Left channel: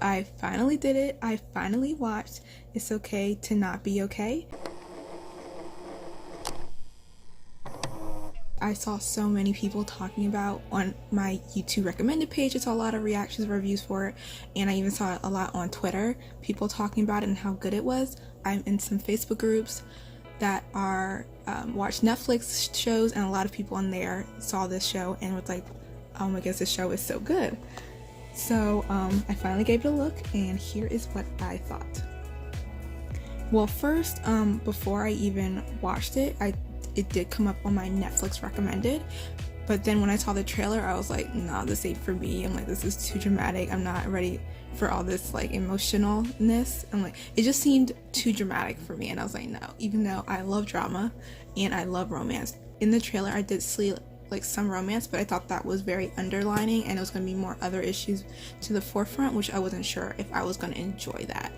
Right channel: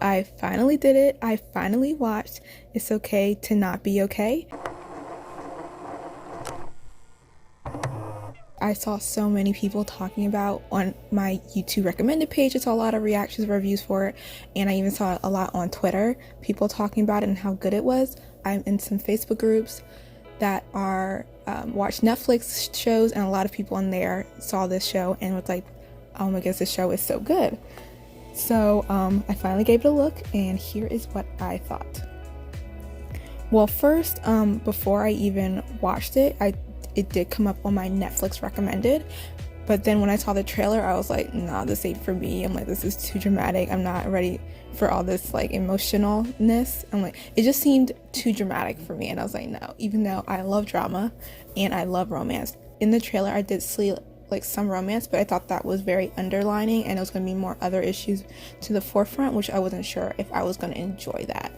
I finally did it. I finally watched It's Okay to Not Be Okay. I saw so many people talking about on my YouTube recommended page. I saw a lot of reactions, reviews for it, and I even saw a lot on Twitter, people talking about it and how good it was. I'm in some Facebook groups that are watch Netflix shows, and a lot of people in there saw this show and was like, oh my goodness, this show is so good. So I finally gave it a look, and here is what I thought. Well, first, before I even watched it, it did come up on my Netflix recommended, but then when I saw the trailer, I was like, no, this ain't for me. I'm like, this is too dramatic. I'm not ready for all this like emotionalness. I'm like, it just seemed too dramatic for me, and I was like, no. Even though I love drama and I love romance, in the trailer I did see like some romance, but I thought that was very underlining, and it was going to be more other issues to the forefront, which I wasn't sure if I was going to enjoy that.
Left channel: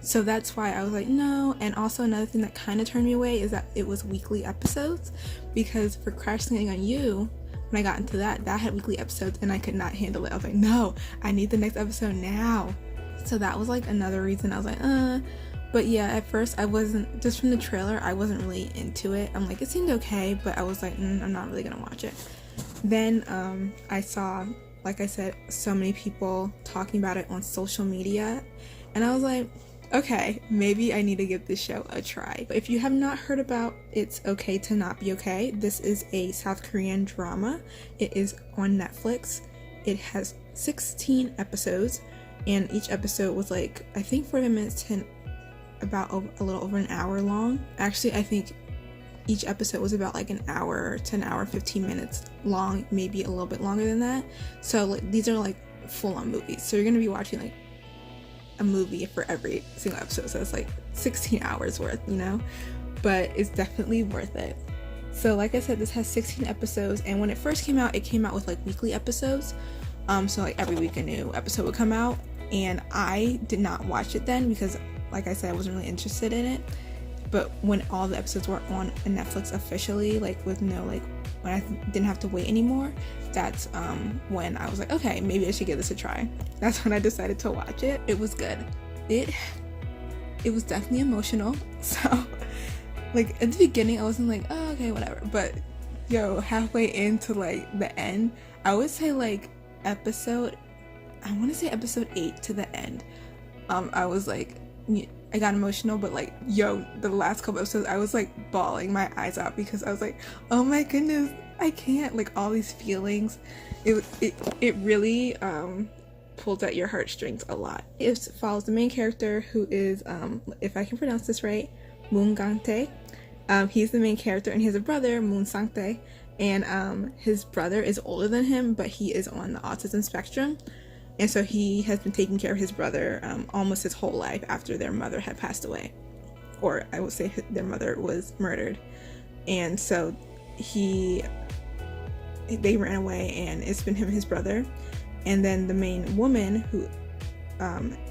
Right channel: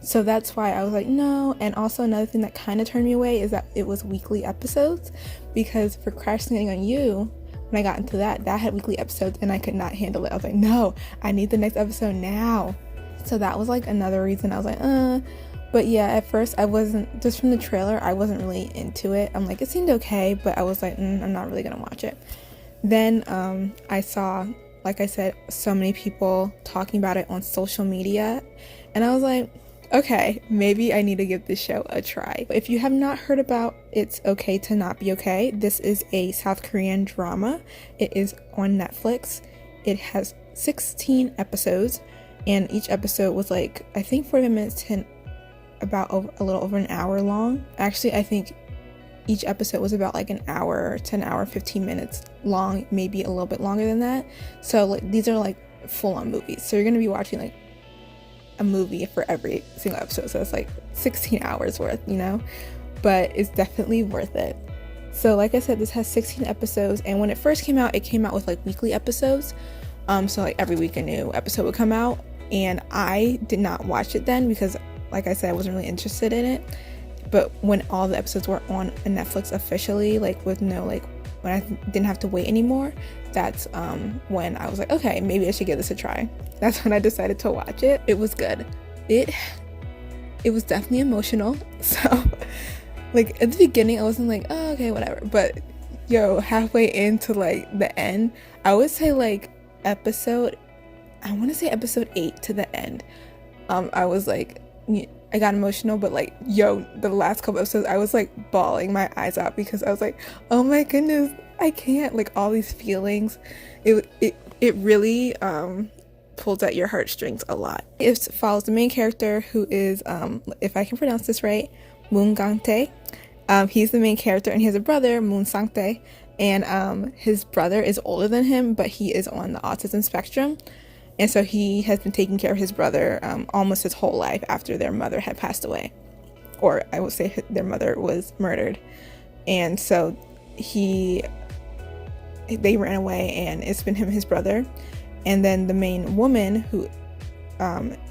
So that's why I was like, no. And also another thing that kind of turned me away is that it was weekly episodes, because for Crash Landing on You, when I got into that had weekly episodes, and I could not handle it. I was like, no, I need the next episode now. So that was like another reason I was like, But yeah, at first I wasn't, just from the trailer, I wasn't really into it. I'm like, it seemed okay, but I was like, I'm not really gonna watch it. Then I saw, like I said, so many people talking about it on social media, and I was like, okay, maybe I need to give this show a try. If you have not heard about It's Okay to Not Be Okay, this is a South Korean drama. It is on Netflix. It has 16 episodes, and each episode was like, I think 40 minutes to about a little over an hour long. Actually, I think each episode was about like an hour to an hour 15 minutes long, maybe a little bit longer than that. So like, these are like full-on movies, so you're gonna be watching like a movie for every single episode, so it's like 16 hours worth, but it's definitely worth it. So like I said, this has 16 episodes, and when it first came out, it came out with like weekly episodes, so like every week a new episode would come out, and I did not watch it then because, like I said, I wasn't really interested in it. But when all the episodes were on Netflix officially, like with no, like when I didn't have to wait anymore, that's when I was like, okay, maybe I should give this a try. That's when I decided to watch it. It was good. It was definitely emotional. So like at the beginning I wasn't like, oh, okay, whatever, but halfway into like the end, I would say like I want to say episode 8 to the end, I was like, I got emotional, but like, the last couple episodes, I was like bawling my eyes out because I was like, oh my goodness, I can't, like all these feelings. It really pulls at your heartstrings a lot. It follows the main character, who is, if I can pronounce this right, Moon Gang-tae. He's the main character, and he has a brother, Moon Sang-tae, and his brother is older than him, but he is on the autism spectrum. And so he has been taking care of his brother almost his whole life after their mother had passed away. Or I would say their mother was murdered. And so they ran away, and it's been him and his brother. And then the main woman, who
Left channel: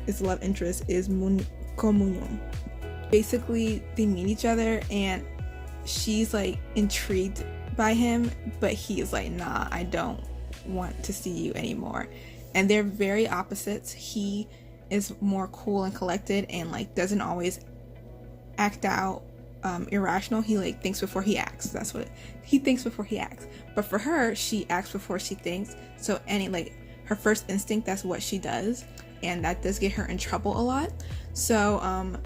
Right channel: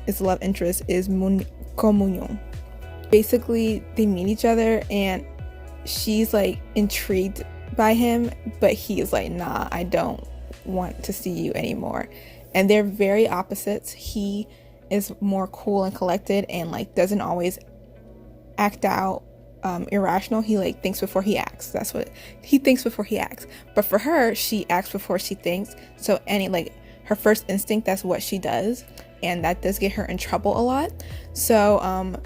is the love interest, is Ko Moon-young. Basically, they meet each other, and she's like intrigued by him, but he is like, nah, I don't want to see you anymore. And they're very opposites. He is more cool and collected, and like doesn't always act out irrational. He like thinks before he acts. That's what he thinks before he acts. But for her, she acts before she thinks. So her first instinct, that's what she does, and that does get her in trouble a lot. So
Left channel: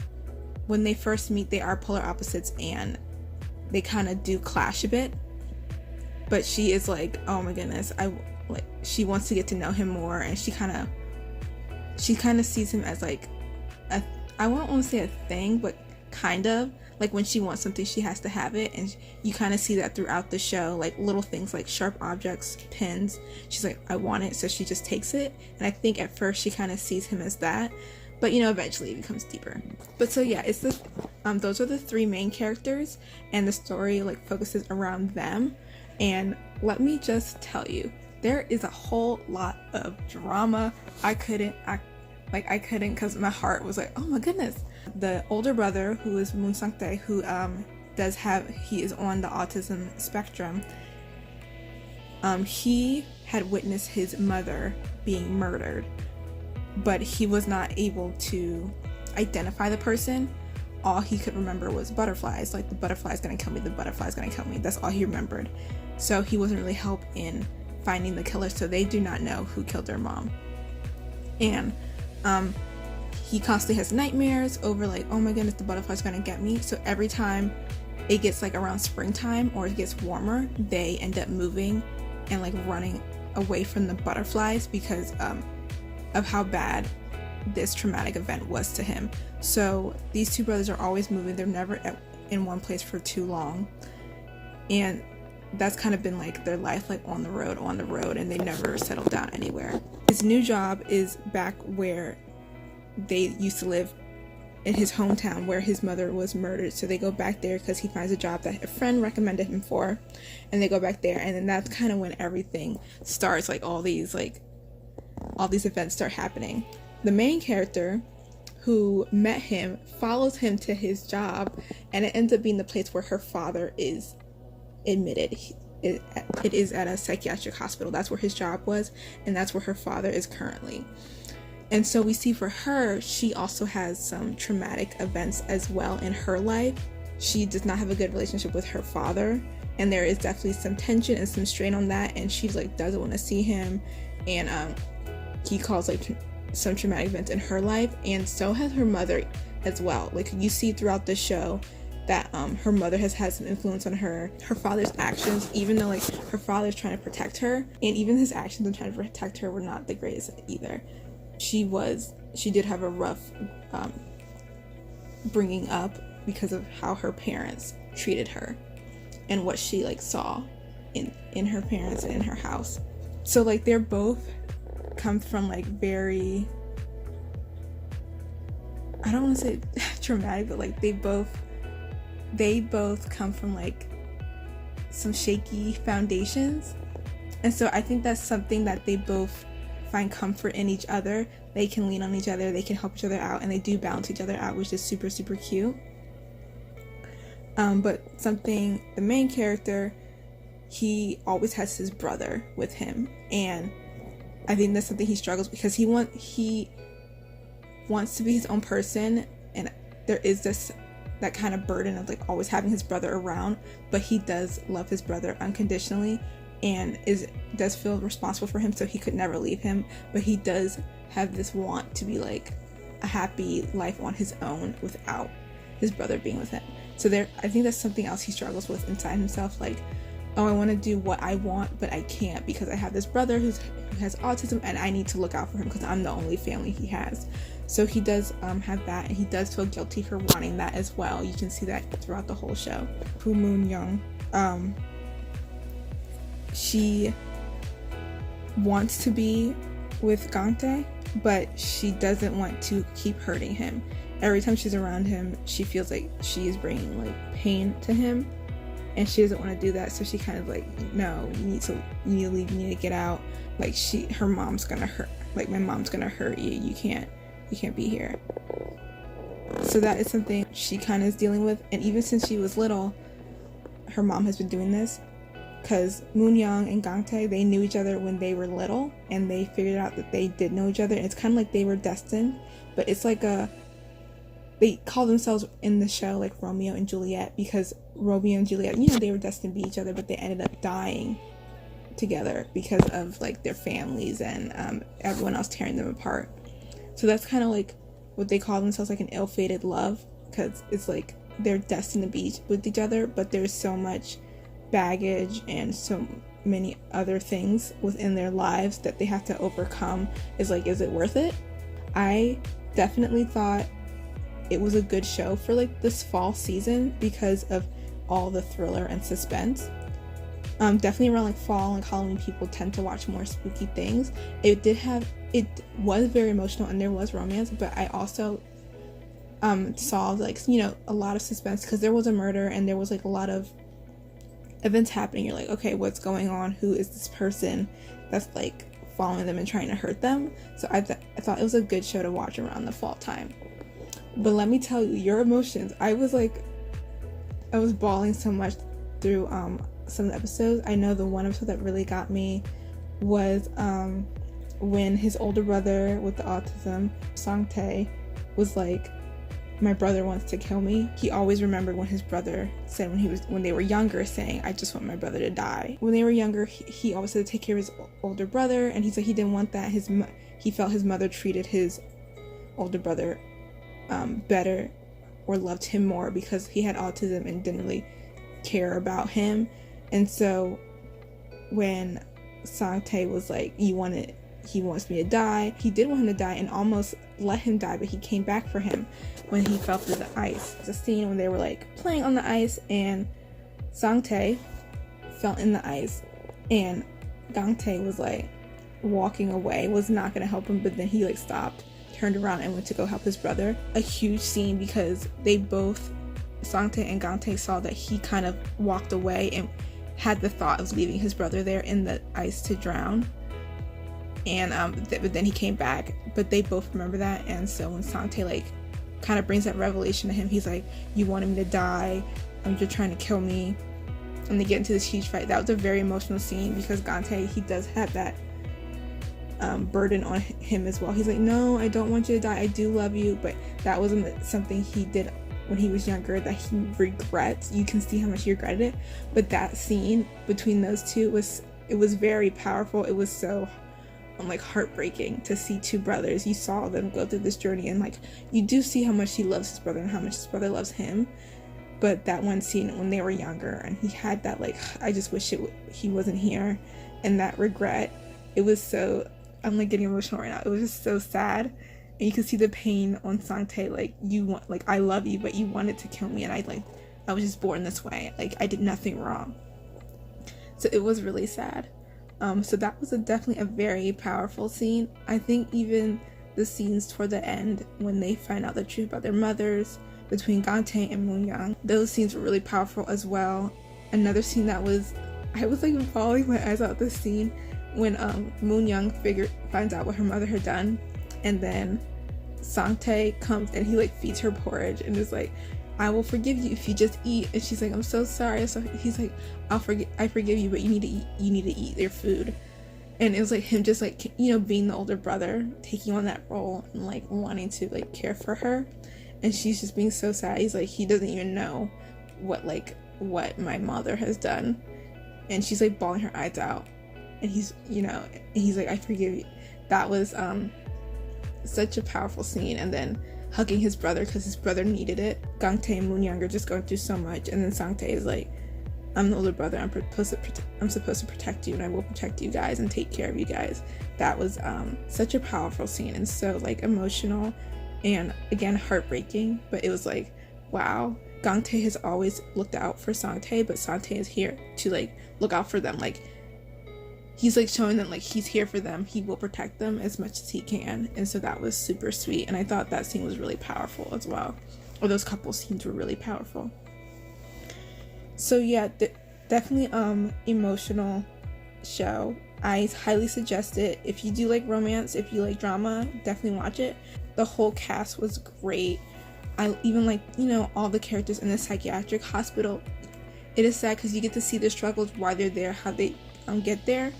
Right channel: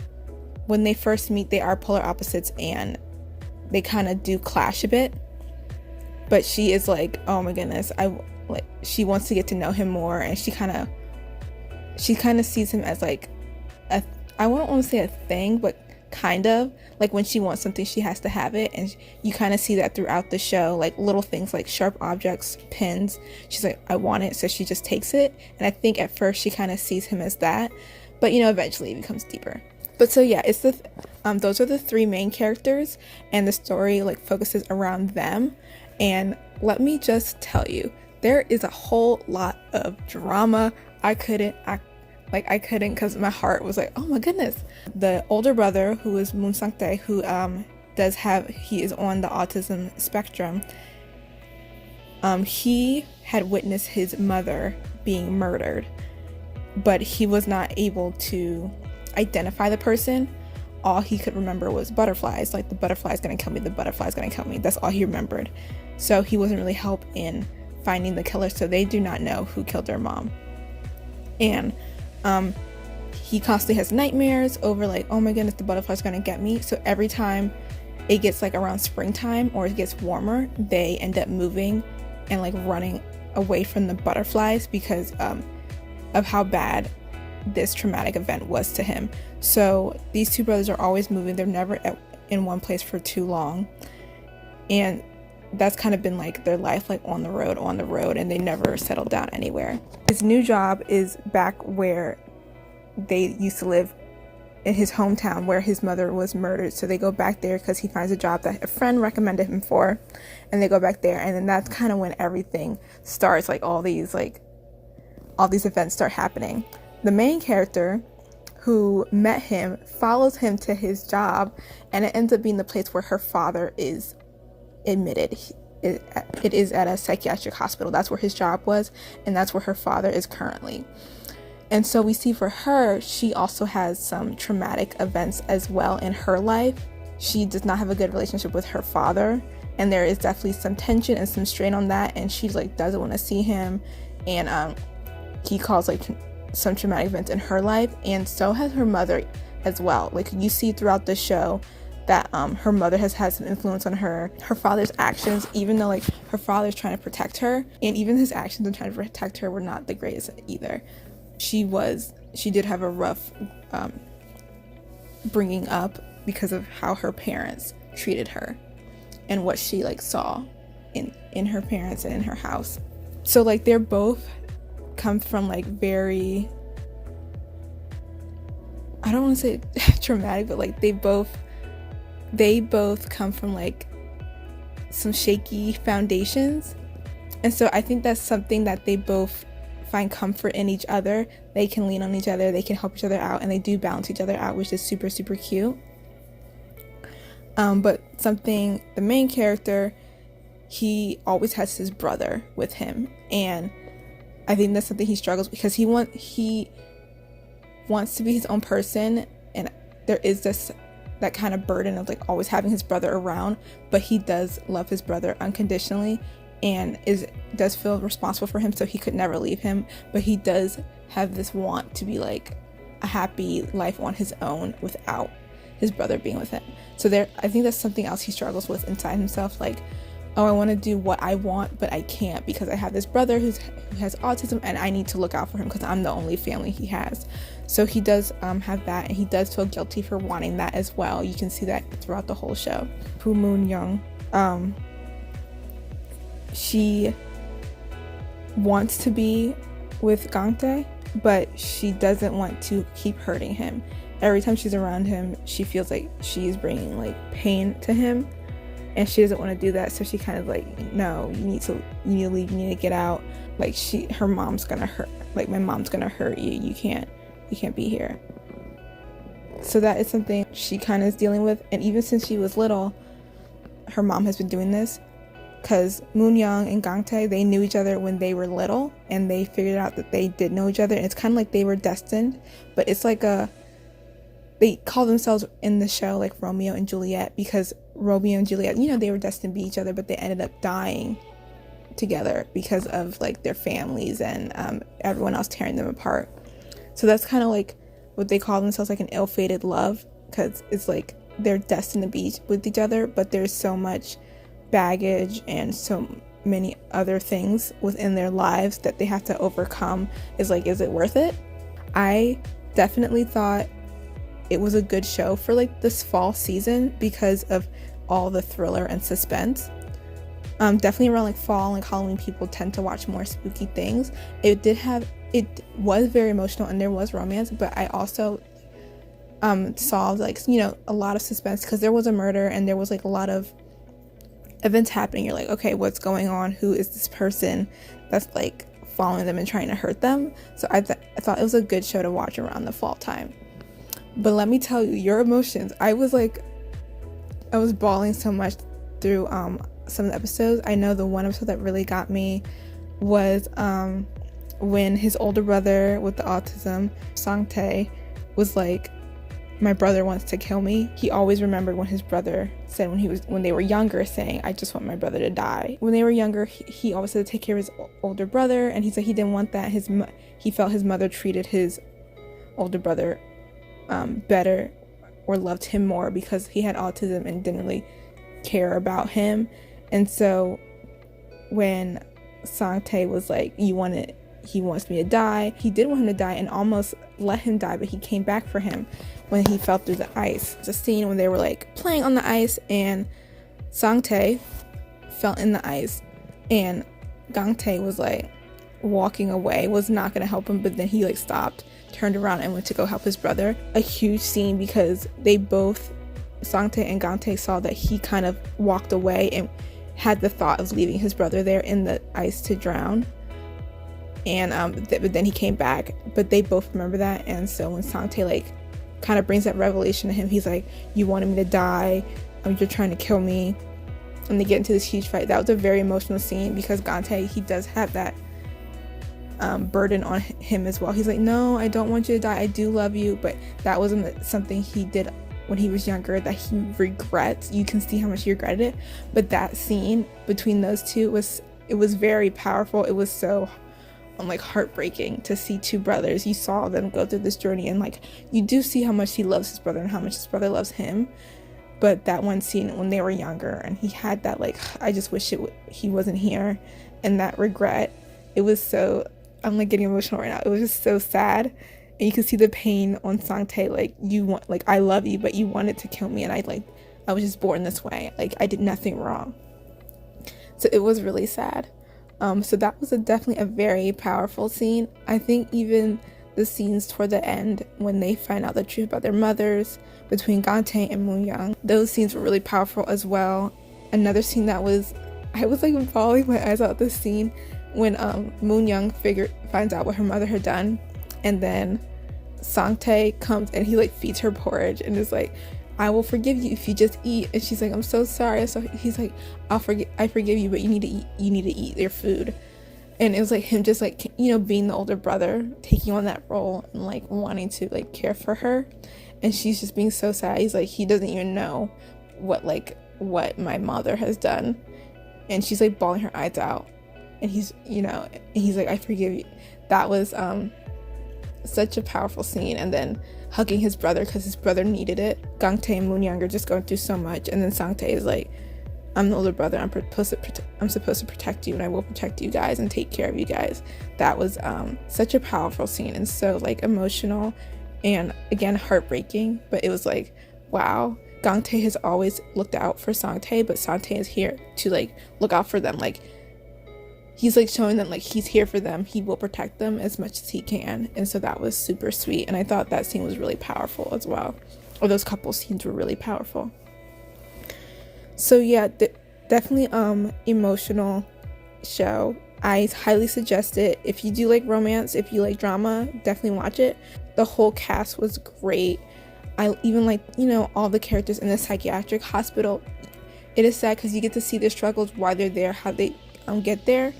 when they first meet, they are polar opposites, and they kind of do clash a bit. But she is like, oh my goodness, she wants to get to know him more, and she kind of sees him as like I won't want to say a thing, but kind of like when she wants something, she has to have it. And you kind of see that throughout the show, like little things like sharp objects, pens. She's like, I want it, so she just takes it. And I think at first she kind of sees him as that, but eventually it becomes deeper. But so yeah, it's those are the three main characters, and the story like focuses around them. And let me just tell you, there is a whole lot of drama. I couldn't because my heart was like, oh my goodness. The older brother, who is Moon Sang-tae, who he is on the autism spectrum, he had witnessed his mother being murdered, but he was not able to identify the person. All he could remember was butterflies, like the butterfly's gonna kill me, the butterfly's gonna kill me. That's all he remembered. So he wasn't really help in finding the killer, so they do not know who killed their mom. And he constantly has nightmares over like, oh my goodness, the butterfly's gonna get me. So every time it gets like around springtime or it gets warmer, they end up moving and like running away from the butterflies because of how bad this traumatic event was to him. So these two brothers are always moving. They're never in one place for too long, and that's kind of been like their life, like on the road, and they never settled down anywhere. His new job is back where they used to live, in his hometown where his mother was murdered. So they go back there because he finds a job that a friend recommended him for, and they go back there, and then that's kind of when everything starts, like all these events start happening. The main character who met him follows him to his job, and it ends up being the place where her father is admitted. It is at a psychiatric hospital. That's where his job was, and that's where her father is currently. And so we see for her, she also has some traumatic events as well in her life. She does not have a good relationship with her father, and there is definitely some tension and some strain on that, and she's like doesn't want to see him, and he calls like some traumatic events in her life, and so has her mother as well. Like you see throughout the show that her mother has had some influence on her father's actions, even though like her father's trying to protect her, and even his actions in trying to protect her were not the greatest either. She did have a rough bringing up because of how her parents treated her and what she like saw in her parents and in her house. So like they're both come from like very, I don't want to say traumatic, but like they both come from like some shaky foundations, and so I think that's something that they both find comfort in each other. They can lean on each other, they can help each other out, and they do balance each other out, which is super, super cute. But something, the main character, he always has his brother with him, and I think that's something he struggles because he wants to be his own person, and there is that kind of burden of like always having his brother around, but he does love his brother unconditionally and does feel responsible for him, so he could never leave him, but he does have this want to be like a happy life on his own without his brother being with him. So I think that's something else he struggles with inside himself, like, oh, I want to do what I want, but I can't because I have this brother who has autism, and I need to look out for him because I'm the only family he has. So he does have that, and he does feel guilty for wanting that as well. You can see that throughout the whole show. Pu Moon Young, she wants to be with Gangtae, but she doesn't want to keep hurting him. Every time she's around him, she feels like she is bringing like pain to him, and she doesn't want to do that. So she kind of like, no, you need to leave, you need to get out. Like her mom's gonna hurt, like my mom's gonna hurt you. You can't be here. So that is something she kind of is dealing with, and even since she was little, her mom has been doing this. Because Moon Young and Gangtae, they knew each other when they were little, and they figured out that they did know each other, and it's kind of like they were destined, but it's like they call themselves in the show like Romeo and Juliet, because Romeo and Juliet, they were destined to be each other, but they ended up dying together because of like their families and everyone else tearing them apart. So that's kind of like what they call themselves, like an ill-fated love, because it's like they're destined to be with each other, but there's so much baggage and so many other things within their lives that they have to overcome. Is it worth it? I definitely thought it was a good show for like this fall season because of all the thriller and suspense. Definitely around like fall and Halloween, people tend to watch more spooky things. It was very emotional and there was romance, but I also saw like a lot of suspense because there was a murder and there was like a lot of events happening. You're like, okay, what's going on? Who is this person that's like following them and trying to hurt them? So I thought it was a good show to watch around the fall time. But let me tell you, your emotions, I was bawling so much through some of the episodes. I know the one episode that really got me was when his older brother with the autism, Sang-tae, was like, my brother wants to kill me, he always remembered when his brother said when they were younger, saying, I just want my brother to die. When they were younger, he always had to take care of his older brother, and he said he didn't want that. He felt his mother treated his older brother better or loved him more because he had autism and didn't really care about him. And so when Sang-tae was like, he wants me to die, he did want him to die and almost let him die, but he came back for him when he fell through the ice. It's a scene when they were like playing on the ice and Sang-tae fell in the ice and Gang-tae was like walking away, was not gonna help him, but then he like stopped, turned around and went to go help his brother. A huge scene because they both, Sang-tae and Gang-tae, saw that he kind of walked away and had the thought of leaving his brother there in the ice to drown. And but then he came back, but they both remember that. And so when Sang-tae like kind of brings that revelation to him, he's like, you wanted me to die, you're trying to kill me, and they get into this huge fight. That was a very emotional scene because Gang-tae, he does have that burden on him as well. He's like, no, I don't want you to die, I do love you, but that wasn't something he did when he was younger that he regrets. You can see how much he regretted it, but that scene between those two was very powerful. It was so like heartbreaking to see two brothers. You saw them go through this journey, and like you do see how much he loves his brother and how much his brother loves him. But that one scene when they were younger and he had that like, I just wish he wasn't here, and that regret, it was so, I'm like getting emotional right now. It was just so sad, and you could see the pain on Sang-tae. Like, I love you, but you wanted to kill me, and I was just born this way. Like, I did nothing wrong. So it was really sad. So that was definitely a very powerful scene. I think even the scenes toward the end when they find out the truth about their mothers, between Gang-tae and Moon-young, those scenes were really powerful as well. Another scene that I was like bawling my eyes out, this scene when Moon-young finds out what her mother had done, and then Sang-tae comes and he like feeds her porridge and is like, I will forgive you if you just eat. And she's like, I'm so sorry. So he's like, I forgive you, but you need to eat your food. And it was like him just like, being the older brother, taking on that role and like wanting to like care for her. And she's just being so sad. He's like, he doesn't even know what my mother has done. And she's like bawling her eyes out. And he's like, I forgive you. That was such a powerful scene. And then hugging his brother because his brother needed it. Gang-tae and Moon-young are just going through so much, and then Sang-tae is like, I'm the older brother, I'm supposed to protect you, and I will protect you guys and take care of you guys. That was such a powerful scene and so like emotional and again heartbreaking, but it was like, wow, Gang-tae has always looked out for Sang-tae, but Sang-tae is here to like look out for them. Like, he's like showing them like he's here for them, he will protect them as much as he can. And so that was super sweet, and I thought that scene was really powerful as well, or those couple scenes were really powerful. So yeah, definitely emotional show. I highly suggest it. If you do like romance, if you like drama, definitely watch it. The whole cast was great. I even like, all the characters in the psychiatric hospital. It is sad because you get to see their struggles, why they're there, how they get there,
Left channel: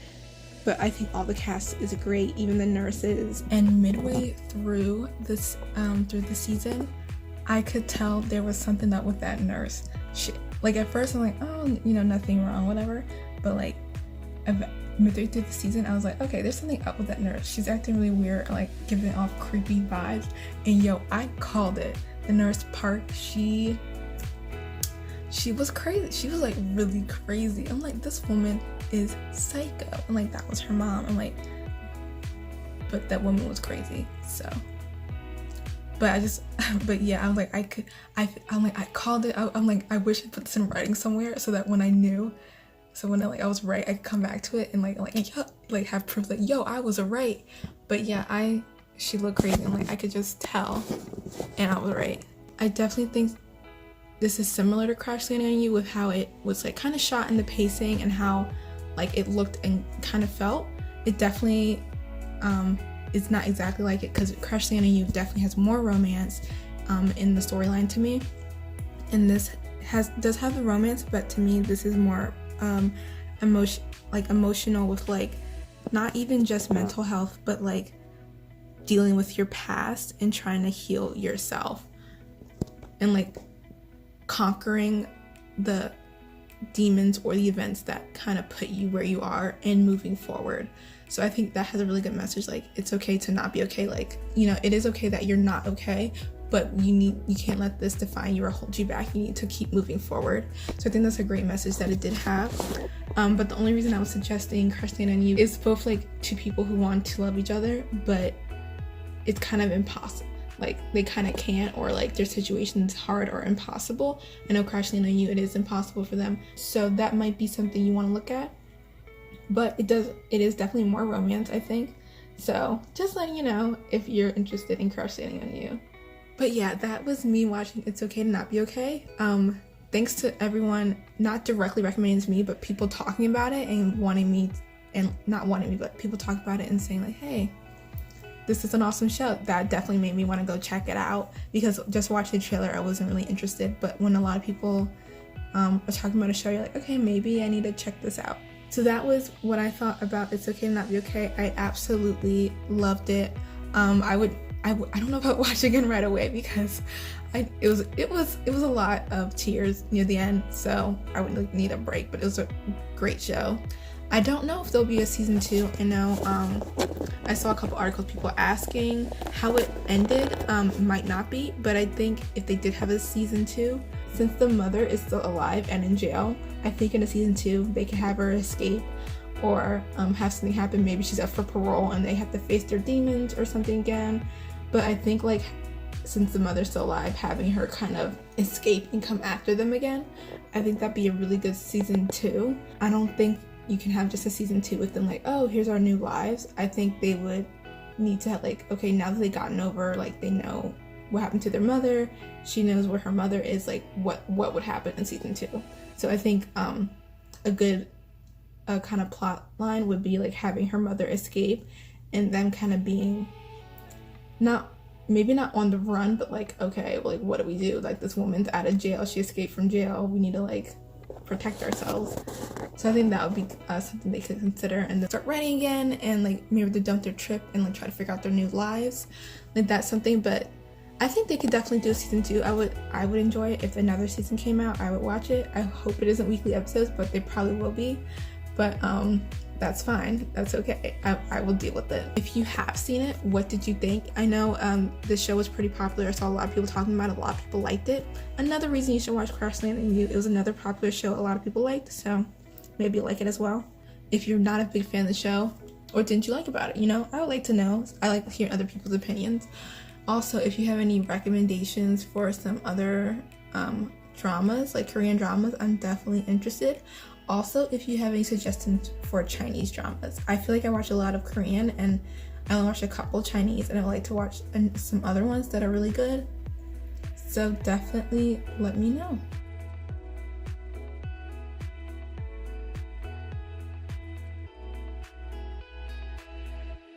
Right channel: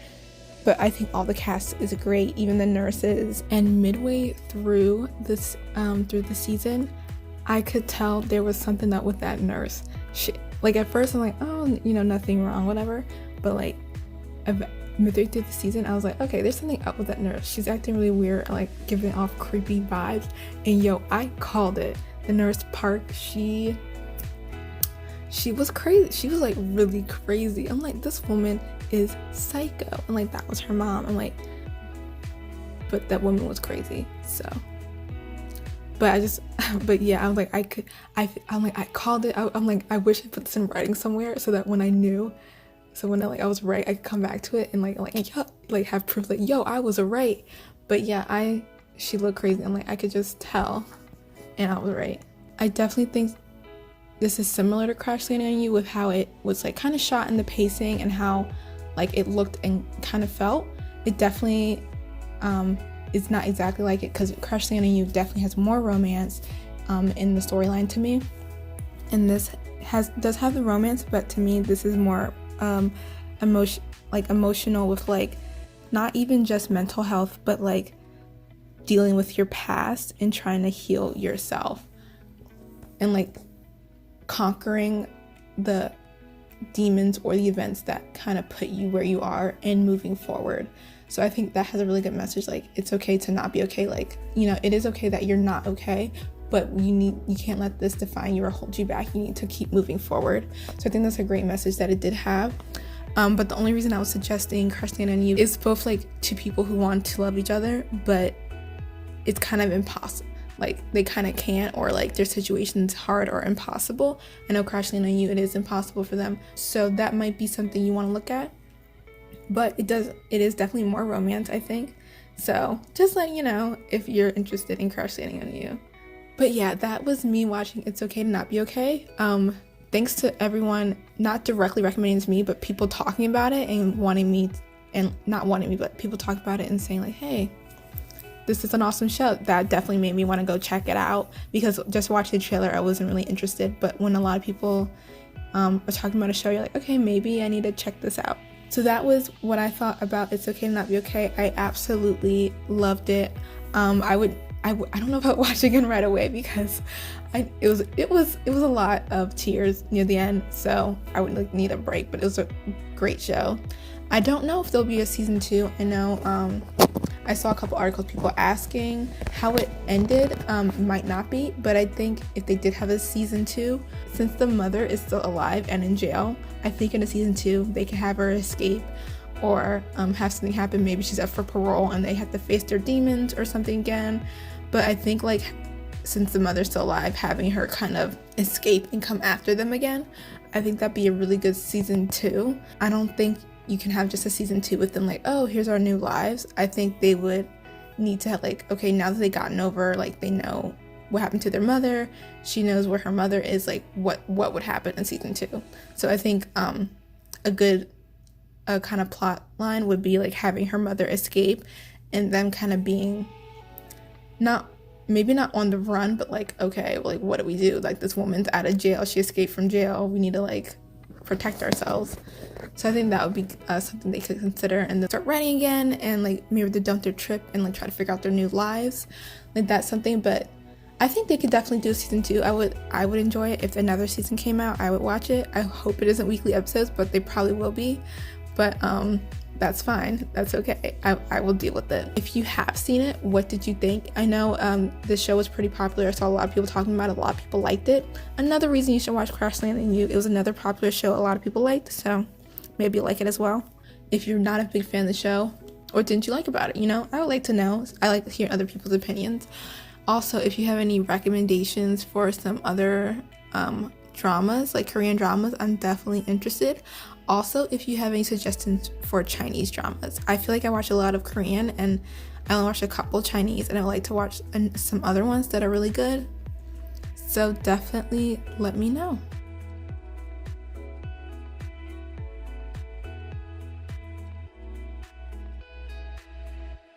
but I think all the cast is great, even the nurses. And midway through this through the season, I could tell there was something up with that nurse. Like at first I'm like, oh, nothing wrong, whatever, but like midway through the season I was like, okay, there's something up with that nurse. She's acting really weird, like giving off creepy vibes. And I called it. The nurse Park, she was crazy. She was like really crazy. I'm like, this woman is psycho. And like, that was her mom. I'm like, but that woman was crazy. So, but yeah, I was like, I called it. I'm like, I wish I put this in writing somewhere so that when I knew, so when I was right, I could come back to it and like have proof, like, yo, I was right. But yeah, she looked crazy. I'm like, I could just tell, and I was right. I definitely think this is similar to Crash Landing on You with how it was like kind of shot in the pacing and how like it looked and kind of felt. It definitely is not exactly like it, because Crash Landing on You definitely has more romance in the storyline to me, and this does have the romance, but to me this is more emotional with like not even just mental health, but like dealing with your past and trying to heal yourself and like conquering the demons or the events that kind of put you where you are and moving forward. So I think that has a really good message. Like, it's okay to not be okay. Like, you know, it is okay that you're not okay, but you can't let this define you or hold you back. You need to keep moving forward. So I think that's a great message that it did have. But the only reason I was suggesting Crush Land on You is both like two people who want to love each other, but it's kind of impossible. Like, they kind of can't, or like their situation's hard or impossible. I know Crush Land on You, it is impossible for them. So that might be something you want to look at. But it is definitely more romance, I think. So just letting you know if you're interested in Crush Landing on You. But yeah, that was me watching It's Okay to Not Be Okay. Thanks to everyone, not directly recommending to me, but people talking about it and not wanting me, but people talking about it and saying like, hey, this is an awesome show. That definitely made me want to go check it out, because just watching the trailer, I wasn't really interested. But when a lot of people are talking about a show, you're like, okay, maybe I need to check this out. So that was what I thought about It's Okay to Not Be Okay. I absolutely loved it. I don't know about watching it right away, because it was a lot of tears near the end, so I would need a break, but it was a great show. I don't know if there'll be a season 2. I know I saw a couple articles, people asking how it ended. Might not be, but I think if they did have a season 2, since the mother is still alive and in jail, I think in a season 2 they can have her escape, or have something happen. Maybe she's up for parole and they have to face their demons or something again. But I think like, since the mother's still alive, having her kind of escape and come after them again, I think that'd be a really good season 2. I don't think you can have just a season 2 with them like, oh, here's our new lives. I think they would need to have like, okay, now that they've gotten over, like, they know what happened to their mother, she knows where her mother is, like what would happen in season 2. So I think a good kind of plot line would be like having her mother escape and them kind of being maybe not on the run, but like, okay, like, what do we do? Like, this woman's out of jail, she escaped from jail, we need to like protect ourselves. So I think that would be something they could consider, and then start writing again, and like maybe they dump their trip and like try to figure out their new lives. Like, that's something. But I think they could definitely do season 2. I would enjoy it. If another season came out, I would watch it. I hope it isn't weekly episodes, but they probably will be. But that's fine. That's okay. I will deal with it. If you have seen it, what did you think? I know this show was pretty popular. I saw a lot of people talking about it. A lot of people liked it. Another reason you should watch Crush Land on You. It was another popular show a lot of people liked, so maybe you like it as well. If you're not a big fan of the show, what didn't you like about it? You know, I would like to know. I like to hear other people's opinions. Also, if you have any recommendations for some other dramas, like Korean dramas, I'm definitely interested. Also, if you have any suggestions for Chinese dramas, I feel like I watch a lot of Korean and I only watch a couple Chinese, and I like to watch some other ones that are really good. So definitely let me know.